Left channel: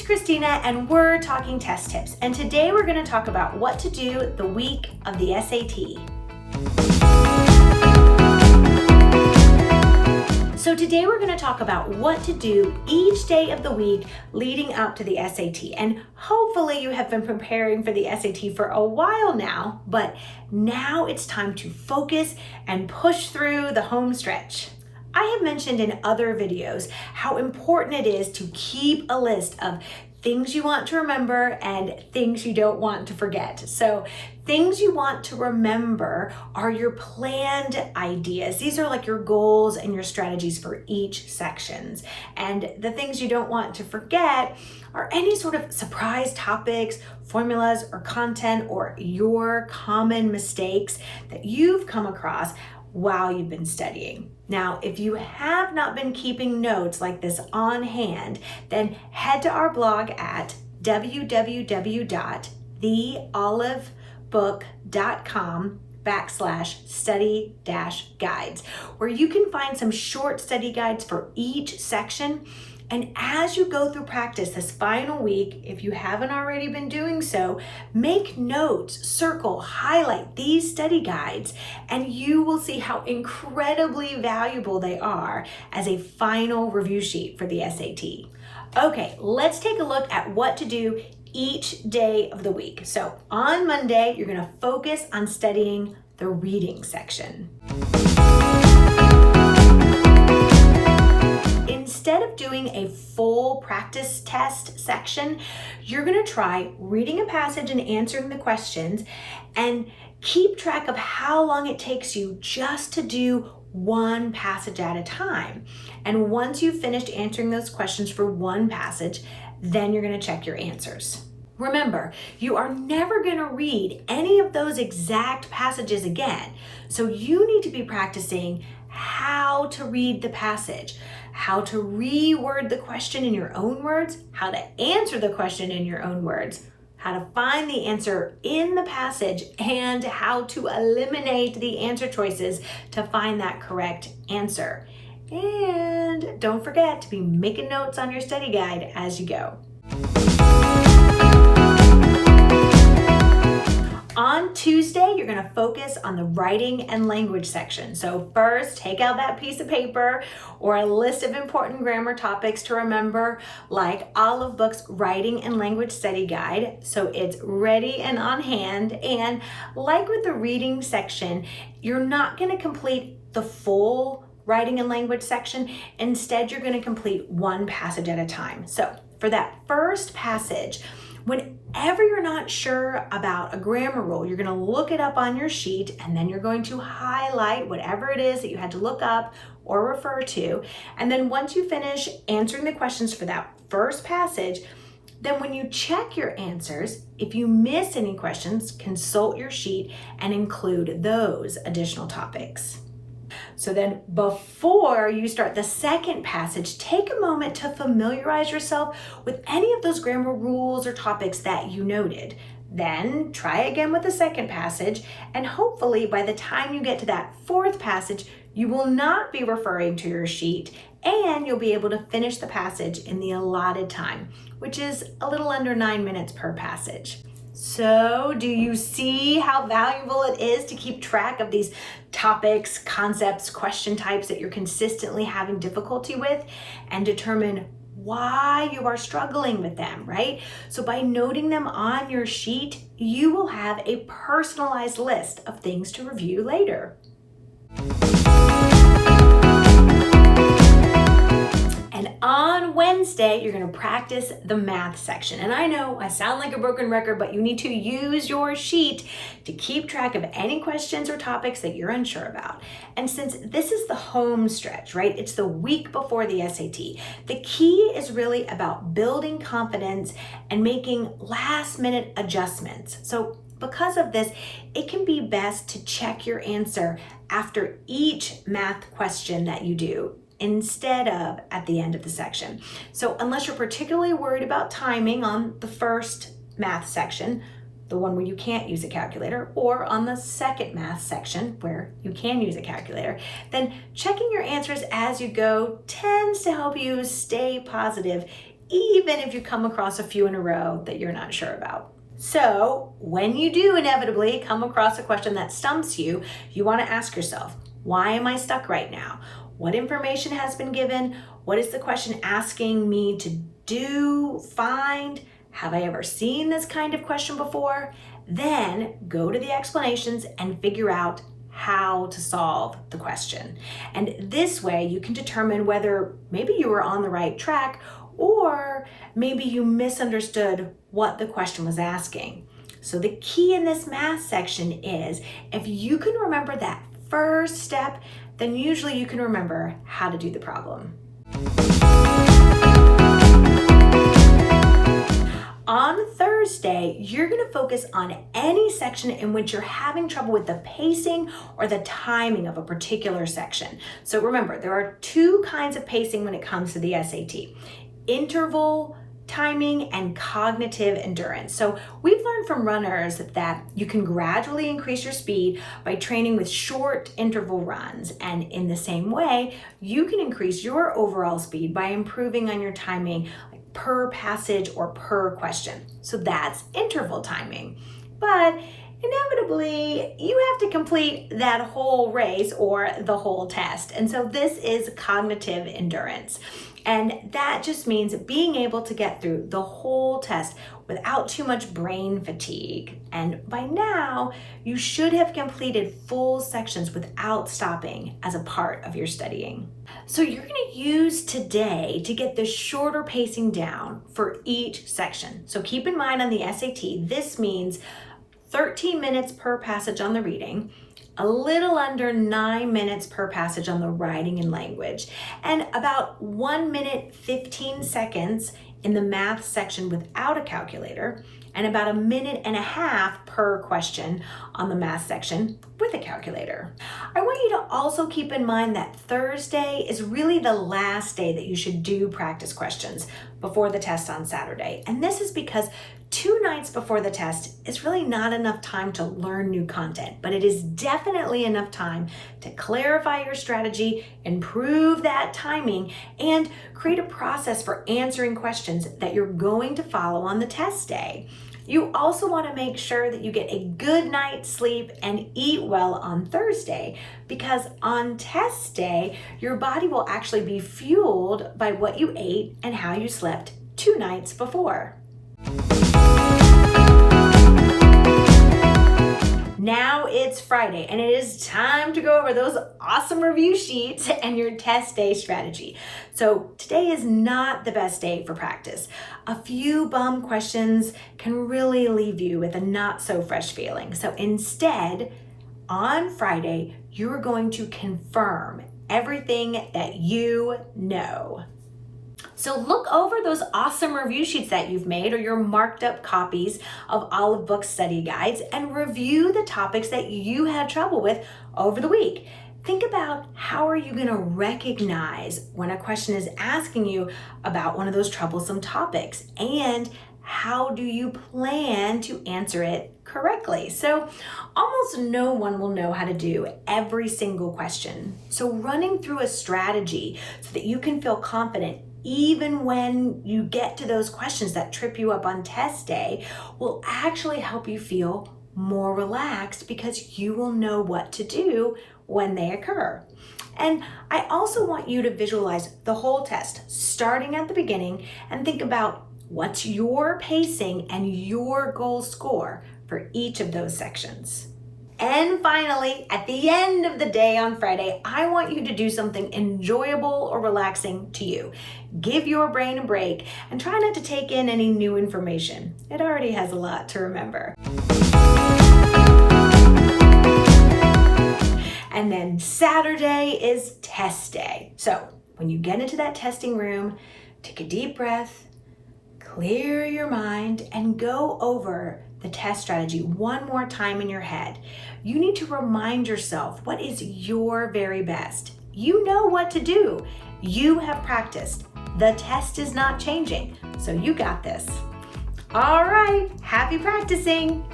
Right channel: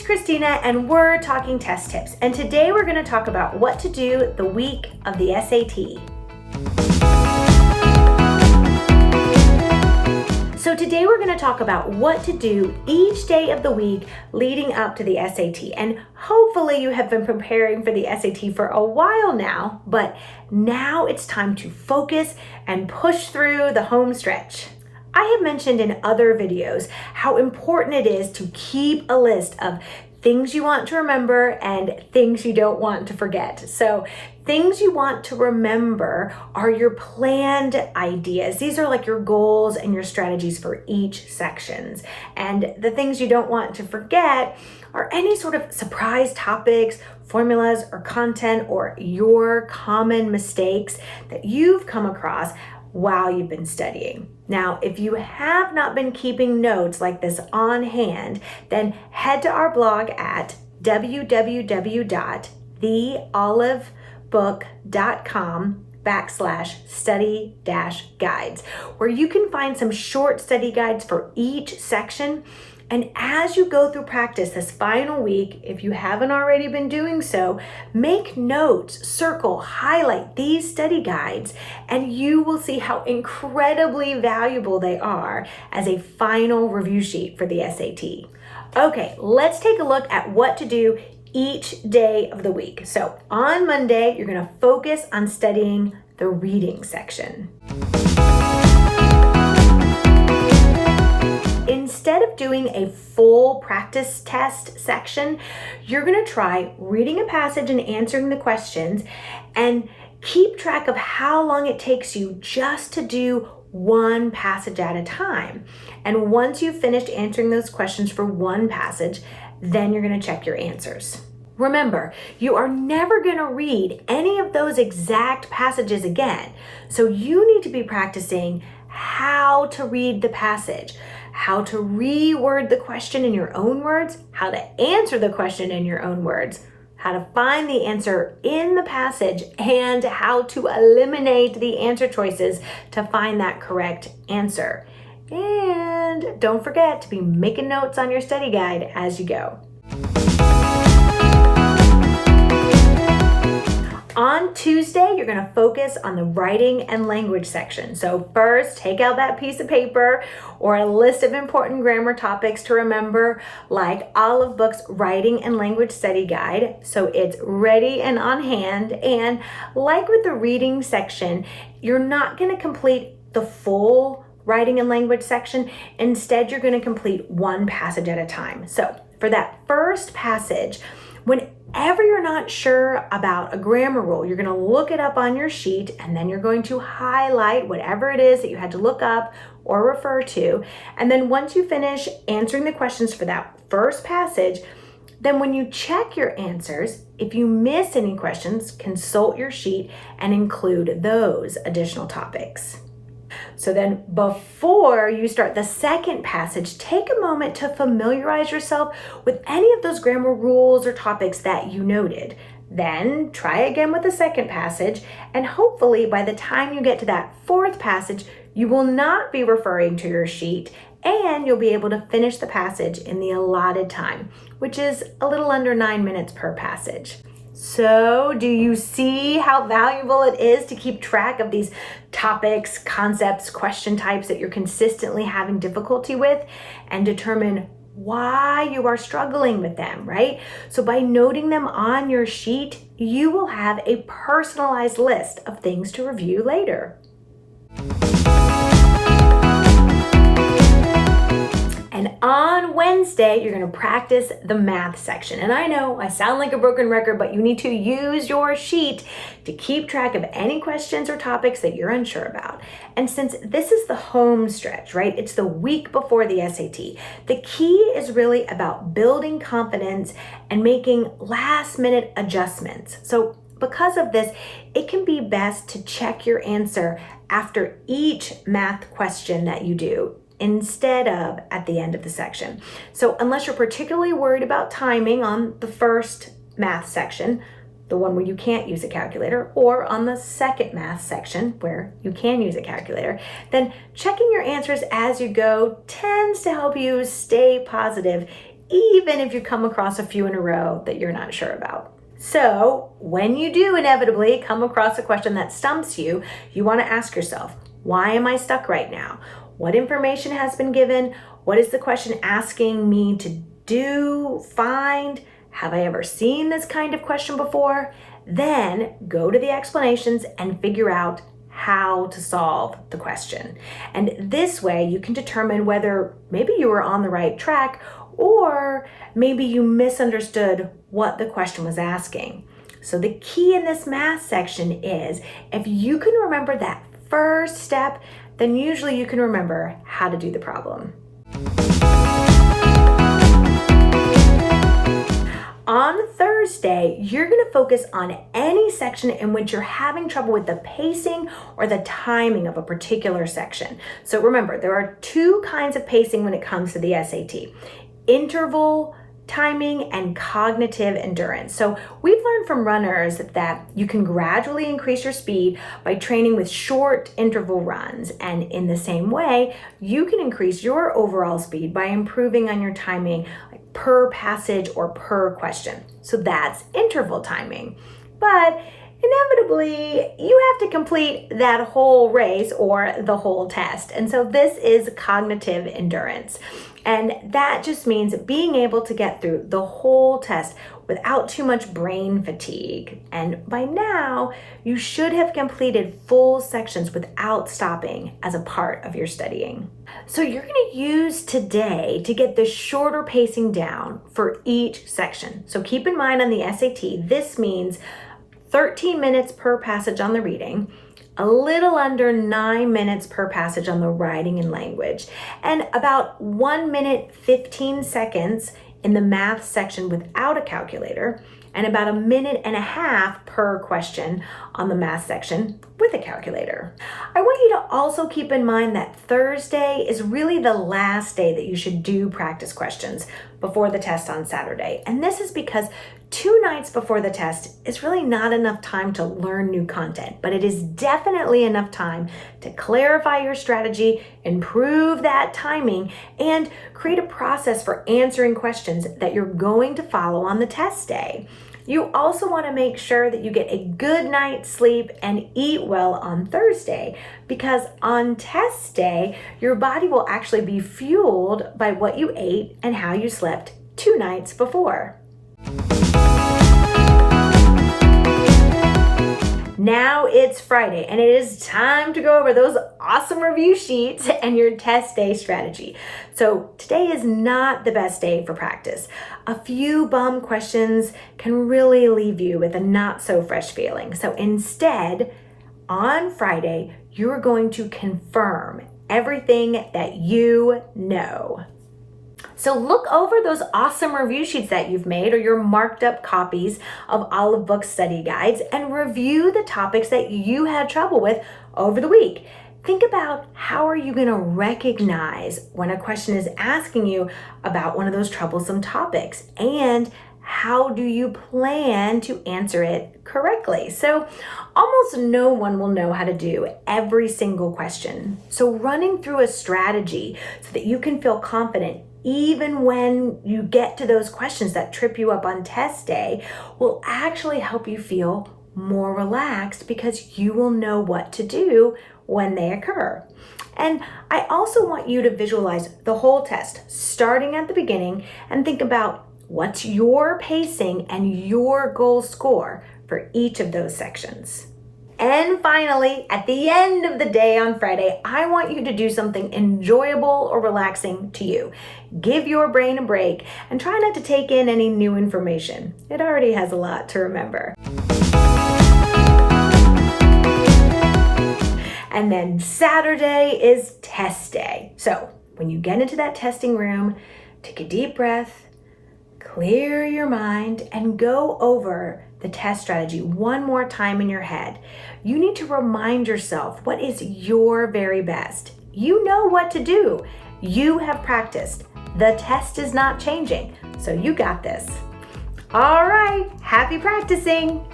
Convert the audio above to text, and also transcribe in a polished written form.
it's Christina and we're talking test tips. And today we're going to talk about what to do the week of the SAT. So today we're going to talk about what to do each day of the week leading up to the SAT. And hopefully you have been preparing for the SAT for a while now, but now it's time to focus and push through the home stretch. I have mentioned in other videos how important it is to keep a list of things you want to remember and things you don't want to forget. So things you want to remember are your planned ideas. These are like your goals and your strategies for each sections. And the things you don't want to forget are any sort of surprise topics, formulas, or content, or your common mistakes that you've come across while you've been studying. Now, if you have not been keeping notes like this on hand, then head to our blog at www.theolivebook.com/study-guides, where you can find some short study guides for each section. And as you go through practice this final week, if you haven't already been doing so, make notes, circle, highlight these study guides, and you will see how incredibly valuable they are as a final review sheet for the SAT. Okay, let's take a look at what to do each day of the week. So on Monday, you're going to focus on studying the reading section. Instead of doing a full practice test section, you're going to try reading a passage and answering the questions, and keep track of how long it takes you just to do one passage at a time. And once you've finished answering those questions for one passage, then you're going to check your answers. Remember, you are never going to read any of those exact passages again. So you need to be practicing how to read the passage, how to reword the question in your own words, how to answer the question in your own words, how to find the answer in the passage, and how to eliminate the answer choices to find that correct answer. And don't forget to be making notes on your study guide as you go. On Tuesday, you're going to focus on the writing and language section. So first, take out that piece of paper or a list of important grammar topics to remember, like Olive Book's Writing and Language Study Guide, so it's ready and on hand. And like with the reading section, you're not going to complete the full writing and language section. Instead, you're going to complete one passage at a time. So for that first passage, whenever you're not sure about a grammar rule, you're going to look it up on your sheet, and then you're going to highlight whatever it is that you had to look up or refer to. And then once you finish answering the questions for that first passage, then when you check your answers, if you miss any questions, consult your sheet and include those additional topics. So then before you start the second passage, take a moment to familiarize yourself with any of those grammar rules or topics that you noted. Then try again with the second passage, and hopefully by the time you get to that fourth passage, you will not be referring to your sheet, and you'll be able to finish the passage in the allotted time, which is a little under 9 minutes per passage. So, do you see how valuable it is to keep track of these topics, concepts, question types that you're consistently having difficulty with, and determine why you are struggling with them, right? So by noting them on your sheet, you will have a personalized list of things to review later. And on Wednesday, you're going to practice the math section. And I know I sound like a broken record, but you need to use your sheet to keep track of any questions or topics that you're unsure about. And since this is the home stretch, right? It's the week before the SAT. The key is really about building confidence and making last-minute adjustments. So because of this, it can be best to check your answer after each math question that you do, instead of at the end of the section. So unless you're particularly worried about timing on the first math section, the one where you can't use a calculator, or on the second math section where you can use a calculator, then checking your answers as you go tends to help you stay positive even if you come across a few in a row that you're not sure about. So when you do inevitably come across a question that stumps you, you want to ask yourself, why am I stuck right now? What information has been given? What is the question asking me to do, find? Have I ever seen this kind of question before? Then go to the explanations and figure out how to solve the question. And this way you can determine whether maybe you were on the right track or maybe you misunderstood what the question was asking. So the key in this math section is if you can remember that first step, then usually you can remember how to do the problem. On Thursday, you're going to focus on any section in which you're having trouble with the pacing or the timing of a particular section. So remember, there are two kinds of pacing when it comes to the SAT: interval timing and cognitive endurance. So we've learned from runners that you can gradually increase your speed by training with short interval runs. And in the same way, you can increase your overall speed by improving on your timing, like per passage or per question. So that's interval timing. But inevitably, you have to complete that whole race or the whole test. And so this is cognitive endurance. And that just means being able to get through the whole test without too much brain fatigue. And by now, you should have completed full sections without stopping as a part of your studying. So you're going to use today to get the shorter pacing down for each section. So keep in mind on the SAT, this means 13 minutes per passage on the reading, a little under 9 minutes per passage on the writing and language, and about 1 minute 15 seconds in the math section without a calculator, and about 1.5 minutes per question on the math section with a calculator. I want you to also keep in mind that Thursday is really the last day that you should do practice questions before the test on Saturday. And this is because 2 nights before the test is really not enough time to learn new content, but it is definitely enough time to clarify your strategy, improve that timing, and create a process for answering questions that you're going to follow on the test day. You also want to make sure that you get a good night's sleep and eat well on Thursday, because on test day, your body will actually be fueled by what you ate and how you slept 2 nights before. Now it's Friday and it is time to go over those awesome review sheets and your test day strategy. So today is not the best day for practice. A few bum questions can really leave you with a not so fresh feeling. So instead, on Friday, you're going to confirm everything that you know. So look over those awesome review sheets that you've made or your marked up copies of Olive Book study guides and review the topics that you had trouble with over the week. Think about how are you going to recognize when a question is asking you about one of those troublesome topics, and how do you plan to answer it correctly? So almost no one will know how to do every single question. So running through a strategy so that you can feel confident even when you get to those questions that trip you up on test day will actually help you feel more relaxed, because you will know what to do when they occur. And I also want you to visualize the whole test, starting at the beginning, and think about what's your pacing and your goal score for each of those sections. And finally, at the end of the day on Friday, I want you to do something enjoyable or relaxing to you. Give your brain a break and try not to take in any new information. It already has a lot to remember. And then Saturday is test day. So when you get into that testing room, take a deep breath, clear your mind, and go over the test strategy one more time in your head. You need to remind yourself what is your very best. You know what to do. You have practiced. The test is not changing, so you got this. All right, happy practicing.